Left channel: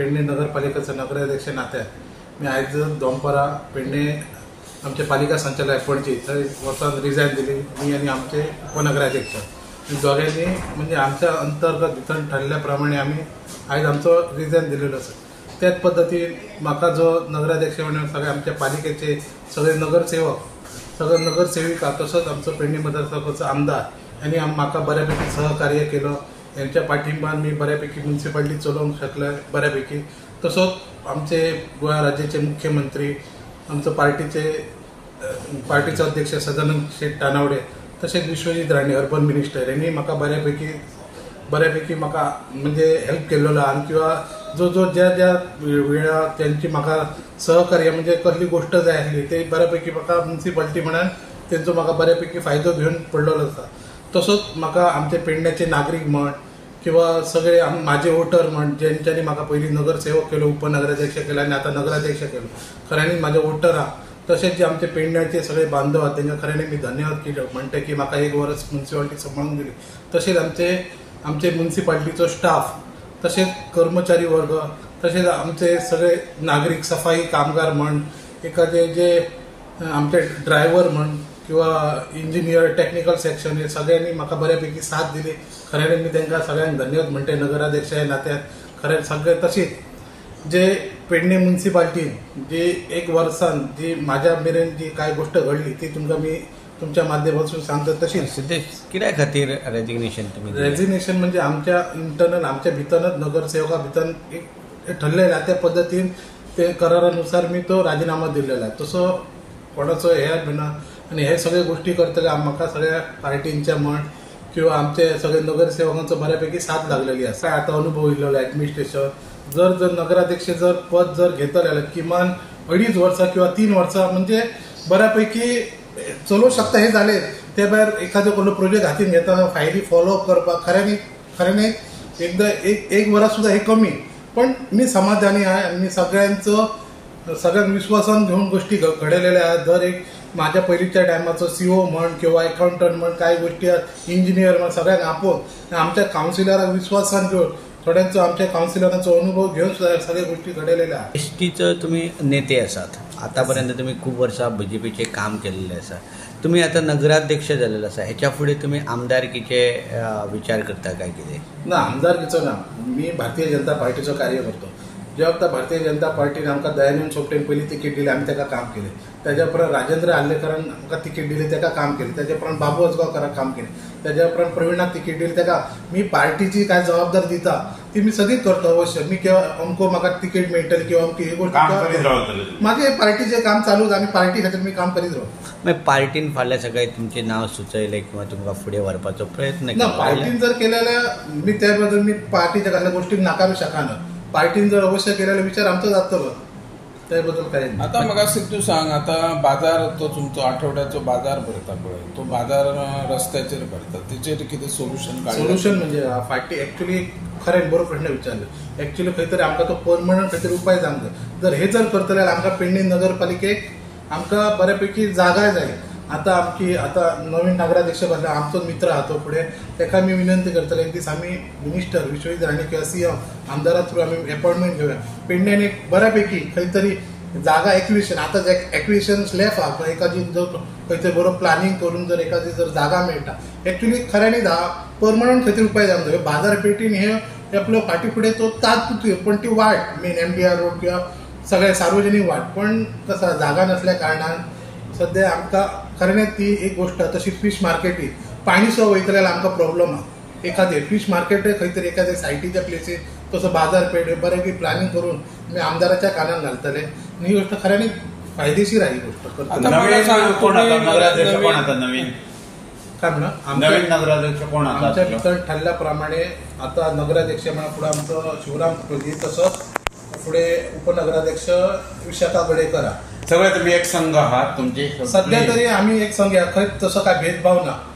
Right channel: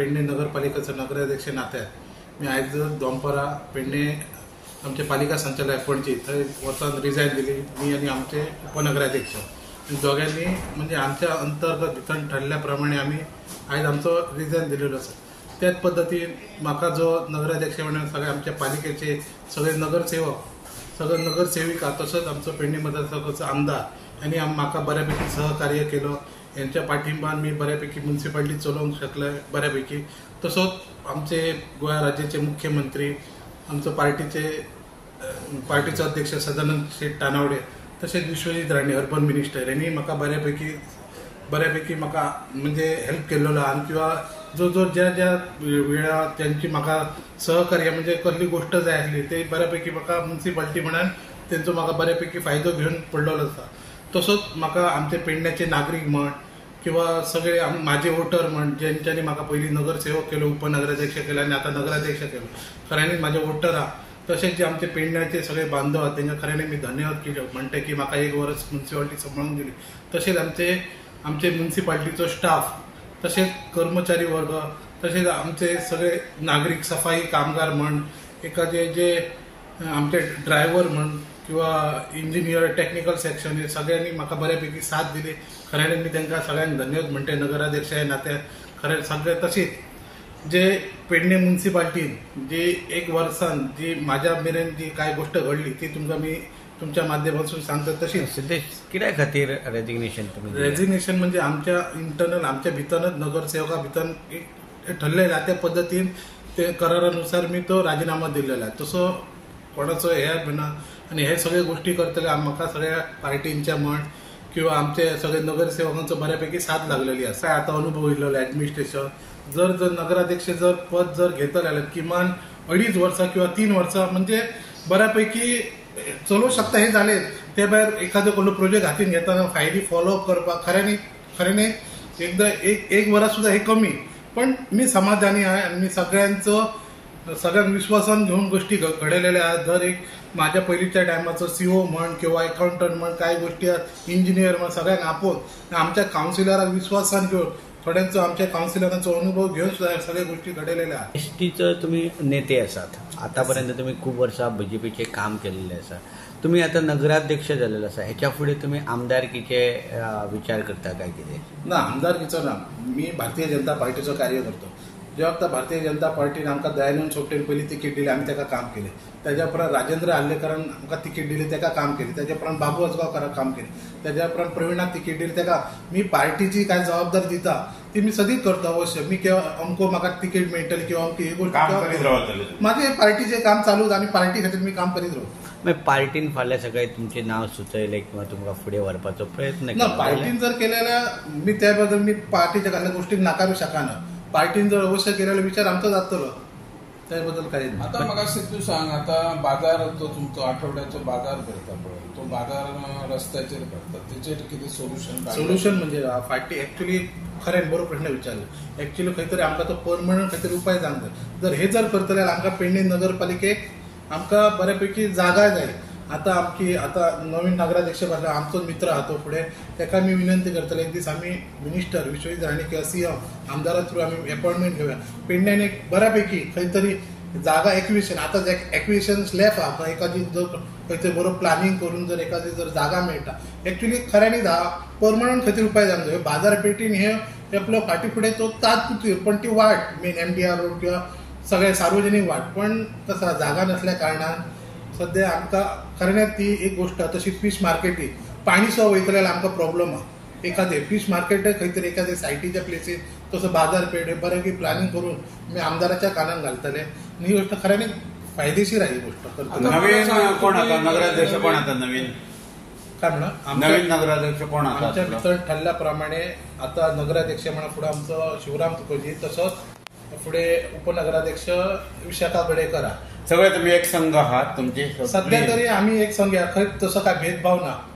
पेडणे नगरपालिकेचा नगराध्यक्ष नात्यान मी आज दोनपरा पेडणे आमचे पालिका संचालक पणजी थंय वचून रिजायन दिली मी आणि आमचे उपनगराध्यक्ष दोघांनी म्हणजे आमच्या अंतर्गत भितर ठरल्या प्रमाणे आम्ही आज आमचो रिजायन दिलेलो आसा। त्याच पद्धतीन म्हाका जो नगराध्यक्ष म्हणून सगळे आमच्या पालिकेचे सगळे नगरसेविका तसोच आमचो पेडणे मतदारसंघाचो आमदार यांनी म्हाका बऱ्यापैकी सहकार्य केलं। यांच्या पाठिंबान मी बऱ्यापैकी म्युनिसिपालिटी चलोवंक शकले बऱ्यापैकी। तसोच आमचे गोवा राज्याचे मुख्यमंत्री आमचो पार्टीचो अध्यक्ष सदानंद शेठ तानावडे तसेच विश्वजित राणे अर्बन मिनिस्टर यांनी म्हाका बऱ्यापैकी म्हाका म्हणजे हेल्प केलेलो आनी किंवा जो ज्या वेळा त्यांची म्हाका सहकार्य म्हणजे कसली गोष्ट जाय आसली ते बऱ्यापैकी म्हाका म्युनिसिपालिटी म्हणून त्यांचो म्हाका बऱ्यापैकी फायदो घेवन पडलेलो आसा। तसोच म्हाका आमचे पेडण्याचे नागरीक म्हण किंवा सगळे माझे वोटर म्हण ज्यांच्यानी म्हाका पयली नगरसेवक केलो उपनगराध्यक्ष केला आणि आता नगराध्यक्ष केलो खऱ्यांनी माझे वोटर आहा। तसेच जे आमचे पेडण्याचे सगळे बांधव आहात त्यांच्या खऱ्यांनी मी धन्यवाद केले म्हणते की म्हाका एक वर्स म्युनिसिपालिटी सांभाळून दिली। तसेच आमचे म्युनिसिपालिटीचो स्टाफ तसेच कर्मचारी वर्ग तसेच आमचे सगळे नागरिक सफाई कामगार म्हण एखादे जे आमचे ड्रायव्हर म्हण किंवा इंजिनियर टेक्निकल सेक्शन हे सगळ्यांनी म्हाका बऱ्यापैकी साथ दिली। खऱ्याने मी त्यांना सगळ्यांक धन्यवाद म्हणते नगराध्यक्ष या नात्यान खरें सगळे। तशीच जे पेडणे म्युनिसिपालिटीन जी एक वर्सान जी माझ्या मेरेन जी काय गोष्ट घडली ती तुमकां मी तुमच्या माध्यमातून सांगतो। तशीच कित्या खातीर रेजिग्नेशन म्हणजे आमच्या इंटरनल आमच्या भितरच नगरसेवका भितर एक ठरलेला त्या पद्धतीन ते करारानुसार मी तो राजीनामा दिलेला आहे। तसो कोणाचो हे म्हणा आणि हे सगळे गोष्टी करतले म्हाका सगळ्या पार्टींच्या म्हण किंवा आमचे सगळे नगरसेवकांचो बऱ्यापैकी साथ लागलेली आहे। आता अनुभव येयलेलो ऍडमिनिस्ट्रेशन जर नगराध्यक्ष जर पद जर घेतले जाल्यार किमान 2.5 वर्सां किंवा 3 वर्सां म्हणजे बऱ्यापैकी चलोवंक शकता हे झाले। त्या भायर एखादो कोणतो प्रोजेक्ट हातीन घेता फायली फॉलोअप करपाक खऱ्यानी एकदा एक वरां सुद्धा हे कमी पण मी समाधानी आहे आणि मी सगळ्यांक विश्वासान घेऊन गोष्टी घडलेल्या आहेत। दर एक माझ्या पहिलीच्या टायमाचो सीओ म्हण किंवा अकाउंटंट म्हण काय गोष्टी इंजिनियर म्हण सगळ्यांक आपोवन आमच्या काउन्सिलराक विश्वासान घेवन थोड्यांचो आमच्या काउन्सिलरांचो अनुभव घेवन सगळ्या गोष्टी घडलेल्या आहेत। एसटीचो तुम्ही नेते आसात, आतापर्यंत तुम्ही खूप वर्सां बीजेपीचे काम केलेले आसा, तुम्ही आता नगराध्यक्ष झालेला आसा, ह्याच्या फुडें तुम्ही आमदारकीचे विचार करता काय कितें? ना आमदारकीचो ना, मी भारतीय जनता पार्टीचो कार्य करतो। जेव्हा भारतीय जनता पार्टीन आमकां दयानंद सोपटेन पयली तिकीट दिली आमी ताका काम केलें, त्याच्या उपरांत राजेंद्र आल्लेकरान आमकां तिकीट दिली ताका काम केलें, त्याच्या उपरांत बाबू असगांवकाराक काम केलें, त्याच्या उपरांत प्रवीणाक तिकीट दिली ताका मी पार्टीची काय जबाबदारी दिता ती मी सदीच करतो अवश्य। मी किंवा अमको म्हाका तिकीट मेळटली किंवा अमकी ही गोष्ट माझे पार्टीचे काम चालूच आनी पार्टी खातीर मी काम करीत रावता। पार्टीन फाल्यां सगळे तुमचे नाव सुचयले किंवा तुमकां फुडें व्हरपाचो प्रयत्न ना पार्टीन जर केले जाल्यार मी त्या बद्दल मी पार्टीच्या कसल्या गोष्टीक नाकारू शकना। पार्टीन जर अवश्य केलेलो विचार आमचो जातलो त्याबद्दल काय नाही। आता म्हाका सिद्धू सांग, आता बाजार तो तुमचो आठवड्याचो बाजार भरता पळय, तो बाजार रस्त्याचेर भरता तेचेर कितें सोल्युशन म्हणजे फाटी एक्चुअली खरें बरो प्रश्न विचारलो। एक्चुअली खंय तरी आमकां तो परमनंट खंय तरी उपाय जावंक जाय। जर हे जर करतले जाल्यार आमकां पेडणे नगरपालिकेक आमकां बऱ्यापैकी जागा जाय। आता नवीन नगराध्यक्ष आमचो मित्र आहा तो फुडें ताका मी विनंती करतले एक दीस आमी मिनिस्टर विश्वजित राणे किंवा सीएम आमदारा थ्रू आमी अपॉइंटमेंट घेवया। पेडण्यान एक बऱ्यापैकी खंय तरी जागा एक्विजिशन आता एक्विजिशन स्लॅब आहा एखादी जर खंय तरी बरो प्लॅनिंग करून जर एखादी जर जागा मेळटा एक्चुअली खऱ्यांनी परमनंट खंय तरी उपाय जावंक जाय। बाजारपेठीन हे आपलो फाटी फुडें तो तात्पुरती पण ती वाट मेन MDR रोड किंवा सगळे सार्वजनीक वाट पण कसा जागा नसल्या कारणान सध्या आमकां खरें ती एक गोष्ट। तशी फिश मार्केटी पाणी सुद्धा वयतले जाल्यार आमकां प्रॉब्लम आहा। एखादे फिश मार्केट खंय तरी एखाद्या सायटीच्या प्लेसीर तसो बाजारपेठ बऱ्यापैकी प्लॅनिंग करून आमी आमदाराच्या कानान घालतले। ही गोष्ट खऱ्यांनी फायदेशीर आहे ही गोष्ट। आमच्या भितर ठरल्या प्रमाणे आता नगराध्यक्ष म्हणून फुडें आमचो शिवराम कुटुंबी तसोच फुडें उपनगराध्यक्ष विशाखा गडेकर आहा। सगळे तुम्ही एक संघ आहात तुमचे सध्या तरी आम्ही एक संघ खंय तसो काय भेदभाव ना।